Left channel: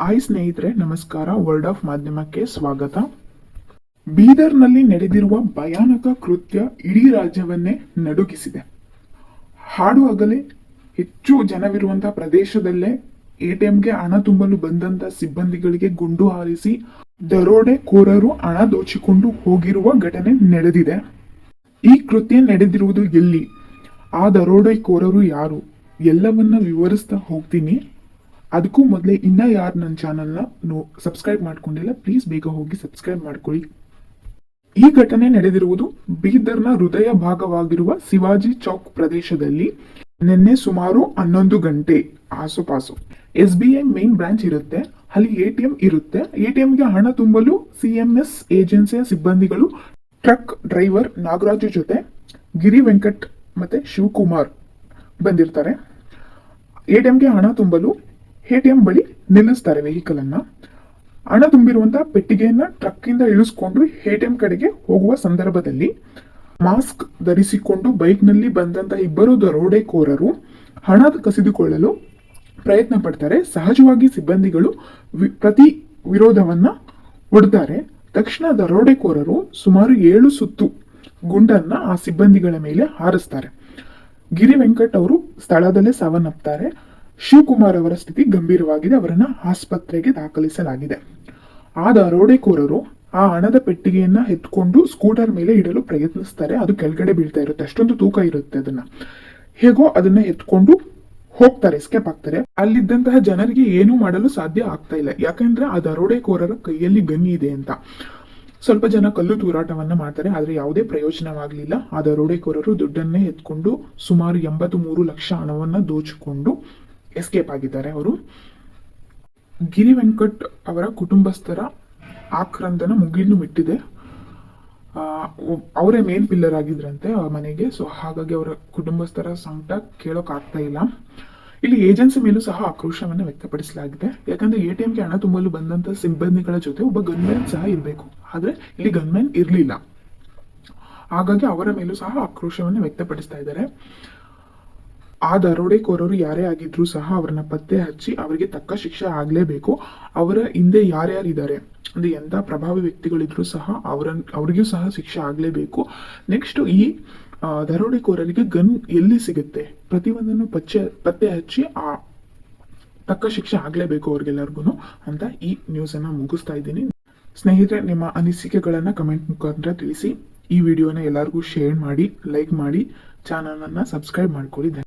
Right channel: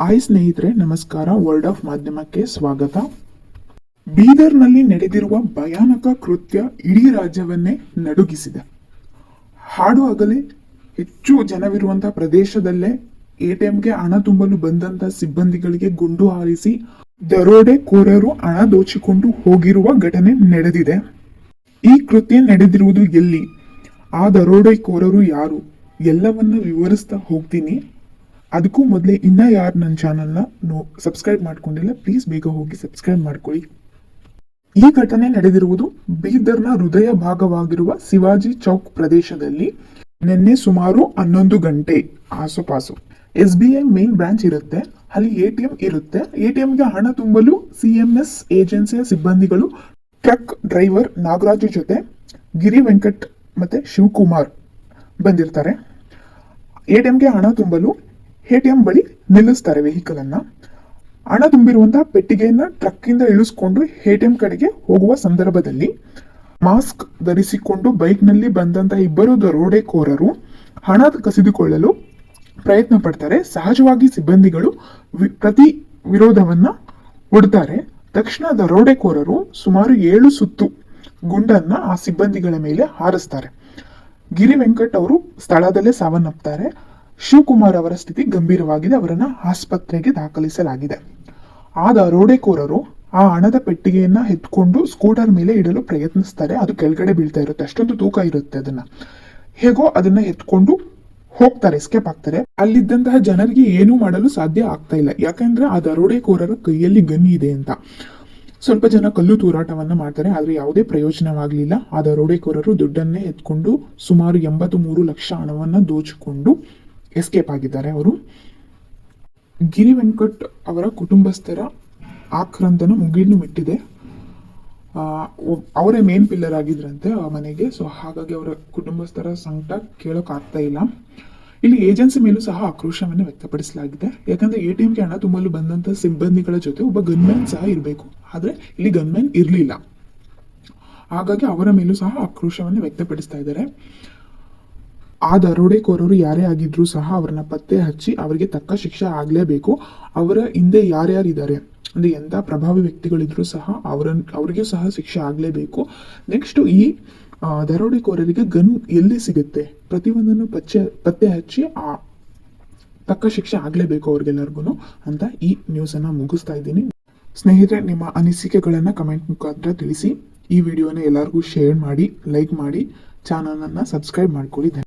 Hi ಸ್ನೇಹಿತರೆ, ನಮಸ್ಕಾರ. World of ಮಾಧ್ಯಮಕ್ಕೆ ಸ್ವಾಗತ. ಬೀದರ್ನಲ್ಲಿ ನಡೆದಿರುವ ಭಯಾನಕ ಕೃತ್ಯ ಇಡೀ ರಾಜ್ಯವನ್ನೇ ನಡುಗಿಸಿದೆ. ಹಾಡು ಹೆಚ್ಚು ಜನವಿರುವಂತಹ ಪ್ರದೇಶದಲ್ಲೇ ಎಟಿಎಂಗೆ ಹಣ ತುಂಬಲು ಬಂದಂತ ಸಿಬ್ಬಂದಿಗಳಿಗೆ ಗುಂಡು ಹಾರಿಸಿ ದರೋಡೆಕೋರರು ಹಣ ದೋಚಿಕೊಂಡು ಹೋಗಿರುವ ಘಟನೆ ನಡೆದಿದೆ. ಈ ಕೃತ್ಯ ನಡೆದಿರುವುದು ಎಲ್ಲಿ? ಆ ದರೋಡೆಕೋರರು ಯಾರು? ಎಲ್ಲವನ್ನ ವಿವರಿಸ್ತಾ ಹೋಗ್ತೀನಿ. ಅದಕ್ಕೂ ಮೊದಲೇ ಇನ್ನೂ ಯಾರು ನನ್ನ ಚಾನಲ್ನ ಸಬ್ಸ್ಕ್ರೈಬ್ ಮಾಡ್ಕೊಂಡಿಲ್ಲ ಪ್ಲೀಸ್ ಬೇಗ ಹೋಗಿ ಸಬ್ಸ್ಕ್ರೈಬ್ ಮಾಡ್ಕೊಳ್ಳಿ ಈ ಘಟನೆ ನಡೆದಿರುವುದು ಬೀದರ್ನ ಹೃದಯ ಭಾಗವಾಗಿರುವ ಶಿವಾಜಿ ಚೌಕ್ ಪ್ರದೇಶದಲ್ಲಿ ನಿನ್ನೆ ಸುಮಾರು ಹನ್ನೊಂದು ಗಂಟೆ ಆಸುಪಾಸು. S B I main branch ಇರುತ್ತೆ, ಅಲ್ಲಿ ಎ ಟಿ ಎಂ ಇರುತ್ತೆ. ಎ ಟಿ ಎಂಗೆ ಹಣ ತುಂಬಲು ಸಿ ಎಂ ಎಸ್ ಏಜೆನ್ಸಿಯ ಸಿಬ್ಬಂದಿಗಳು ಟ್ರಕ್ ಡ್ರೈವರ್ ನಾಗರಾಜು ಜೊತೆ ಗಿರಿ ವೆಂಕಟ್ ಮತ್ತೆ ಶಿವಕುಮಾರ್ ಬಂದಿರ್ತಾರೆ. ಎ ಟಿ ಎಂಗೆ ಹಣ ತುಂಬಲು ಎ ಟಿ ಎಂ ಬಳಿ ನಿಲ್ಲಿಸ್ತಾರೆ ವೆಹಿಕಲ್ ಅನ್ನ. ಹಣ ತುಂಬಿರುವಂತಹ ಪೆಟ್ಟಿಗೆಯನ್ನ ಟ್ರಕ್ ಇಂದ ಇಳಿಸ್ಕೊಂಡು ಎ ಟಿ ಎಂ ಕಡೆಗೆ ಹೋಗುವ ಸಂದರ್ಭದಲ್ಲಿ ಮಾಸ್ಕ್ ಧರಿಸಿಕೊಂಡು ಬೈಕ್ನಲ್ಲಿ ಬಂದಂತಹ ಇಬ್ಬರು ದರೋಡೆಕೋರರು ಹಣ ಕಸಿದುಕೊಳ್ಳಲು ಪ್ರಯತ್ನ ಪಡ್ತಾರೆ. ಸಹಜವಾಗಿ ಸಿಬ್ಬಂದಿಗಳು ಪ್ರತಿ ವಿರೋಧವನ್ನ ಒಡ್ತಾರೆ. ತಕ್ಷಣ ದರೋಡೆಕೋರರು ಸುಮಾರು ಏಳು ಸುತ್ತು ಗುಂಡನ್ನ ಆ ಸಿಬ್ಬಂದಿಗಳ ಮೇಲೆ ಹಾರಿಸ್ತಾರೆ. ಗಿರಿ ವೆಂಕಟ್ ಅವರು ಸ್ಥಳದಲ್ಲೇ ಸಾವನ್ನಪ್ತಾರೆ. ಶಿವಕುಮಾರ್ ಅವರ ಸ್ಥಿತಿ ಗಂಭೀರವಾಗಿದೆ. ಅವರನ್ನ ಆಸ್ಪತ್ರೆಗೆ ದಾಖಲಿಸಲಾಗಿದೆ. ಆ ದರೋಡೆಕೋರರು ಆ ಹಣದ ಪೆಟ್ಟಿಗೆಯನ್ನ ಎತ್ಕೊಂಡು ಸ್ಕೂಟರ್ ಮೇಲೆ ಇಡಲು ಪ್ರಯತ್ನಿಸ್ತಾರೆ. ಅದು ಕೆಳಗಡೆ ಬೀಳ್ತಾ ಇರುತ್ತೆ. ಅಷ್ಟೊಂದು ತೂಕ ಇರುತ್ತೆ ಅದನ್ನ. ಹೇಗೋ ಅದನ್ನ ಎತ್ಕೊಂಡು ಹೋಗ್ತಾರೆ ಎಸ್ಕೇಪ್ ಆಗ್ತಾರೆ. ಅಲ್ಲಿದ್ದಂತಹ ಜನರಿಗೆ ಏನು ಮಾಡಲು ಸಾಧ್ಯ ಆಗ್ತಾ ಇಲ್ಲ. ಯಾಕಂದ್ರೆ ಆ ದರೋಡೆಕೋರರ ಕೈಯಲ್ಲಿ ಗನ್ ಇದೆ ಅಂತ. ಸ್ವಲ್ಪ ಜನ ಕಲ್ಲು ತೂರಾಟವನ್ನ ಮಾಡ್ತಾರೆ, ಆದ್ರೆ ಯಾವುದೇ ಪ್ರಯೋಜನವಾಗಲಿಲ್ಲ. ಆ ದರೋಡೆಕೋರರು ದುಡ್ಡನ್ನೇ ಎತ್ಕೊಂಡು ಸುಮಾರು ಎಂಬತ್ತು ಮೂರು ಲಕ್ಷ ಹಣವನ್ನ ದೋಚಿಕೊಂಡು ಎಸ್ಕೇಪ್ ಆಗಿದ್ದಾರೆ ಅವರು. ಗಿರಿ ವೆಂಕಟ್ ಅವರ ಕುಟುಂಬಸ್ಥರ ಆಕ್ರಂದನ ಮುಗಿಲು ಬಿಟ್ಟಿದೆ. ಅವರೇ ಮೇನ್ ಪಿಲ್ಲರ್ ಆಗಿದ್ರಂತೆ ಆ ಮನೆಗೆ. ಸೊ ಹಾಗಾಗಿ ಅವರ ಕುಟುಂಬಸ್ಥರ ಸಂಕಟ ಕೇಳೋಕ್ಕಾಗ್ತಾ ಇಲ್ಲ. ಇಲ್ಲಿ ಏಜೆನ್ಸಿ ಮೇಲೂ ಸಹ ಆಕ್ರೋಶವನ್ನು ವ್ಯಕ್ತಪಡಿಸಲಾಗಿದೆ. ಯಾಕಂದ್ರೆ ಎ ಟಿ ಎಂಗೆ ಹಣ ತುಂಬಲು ಬಂದಂತ ಸಿಬ್ಬಂದಿಗಳ ಜೊತೆ ಒಬ್ಬ ಗನ್ಮ್ಯಾನ್ ಸಹ ಇರಬೇಕು. ಆದ್ರೆ ಇಲ್ಲಿ ಗನ್ಮ್ಯಾನ್ ಇರಲಿಲ್ಲ. ಹಾಗಾಗಿ ಅವರ ಮೇಲೂ ಸಹ ಆಕ್ರೋಶವನ್ನು ವ್ಯಕ್ತಪಡಿಸ್ತಾ ಇದ್ದಾರೆ. ಆ ದರೋಡೆಕೋರರು ಯಾರೇ ಆಗಿದ್ರೂ ಸಹ ಅವ್ರನ್ನ ಪತ್ತೆ ಹಚ್ಚಿ ಅವರಿಗೆ ತಕ್ಕ ಶಿಕ್ಷೆ ಆಗಲೇಬೇಕು. ಅವರ ಹಿಂದೆ ಯಾರ್ಯಾರಿದ್ದಾರೆ? ಅಂದ್ರೆ ಎಂಥ ಪ್ರಭಾವಿ ವ್ಯಕ್ತಿಗಳಿದ್ರು ಸಹ ಅವರ, ಅವ್ರಿಗೂ ಸಹ ಶಿಕ್ಷೆ ಆಗಲೇಬೇಕು. ನೆಕ್ಸ್ಟ್ ಈ ದರೋಡೆಕೋರರಿಗೆ ಗನ್ ಎಲ್ಲಿ ಸಿಗುತ್ತೆ? ಪ್ರತಿಯೊಂದನ್ನು ಪಚ್ಚೆ, ಪತ್ತೆ ಹಚ್ಚಿ ಆ, ತಕ್ಕ ಶಿಕ್ಷೆ ಆಗಲೇಬೇಕು ಅವ್ರಿಗೆಲ್ಲರಿಗೂ ಅಂತ ಈ ನ್ಯೂಸನ್ನು ಮುಗಿಸ್ತಾ ಇದ್ದೀನಿ. ಸ್ನೇಹಿತರೆ, ನಿಮ್ಮ ಅನಿಸಿಕೆಗಳನ್ನು ಕಮೆಂಟ್ ಮುಖಾಂತರ ತಿಳಿಸಿ. ಈ ವಿಡಿಯೋನ ಎಲ್ಲರಿಗೂ ಶೇರ್ ಮಾಡಿ, ಲೈಕ್ ಮಾಡಿ, ಚಾನಲನ್ನು ಸಬ್ಸ್ಕ್ರೈಬ್ ಮಾಡ್ಕೊಳ್ಳಿ.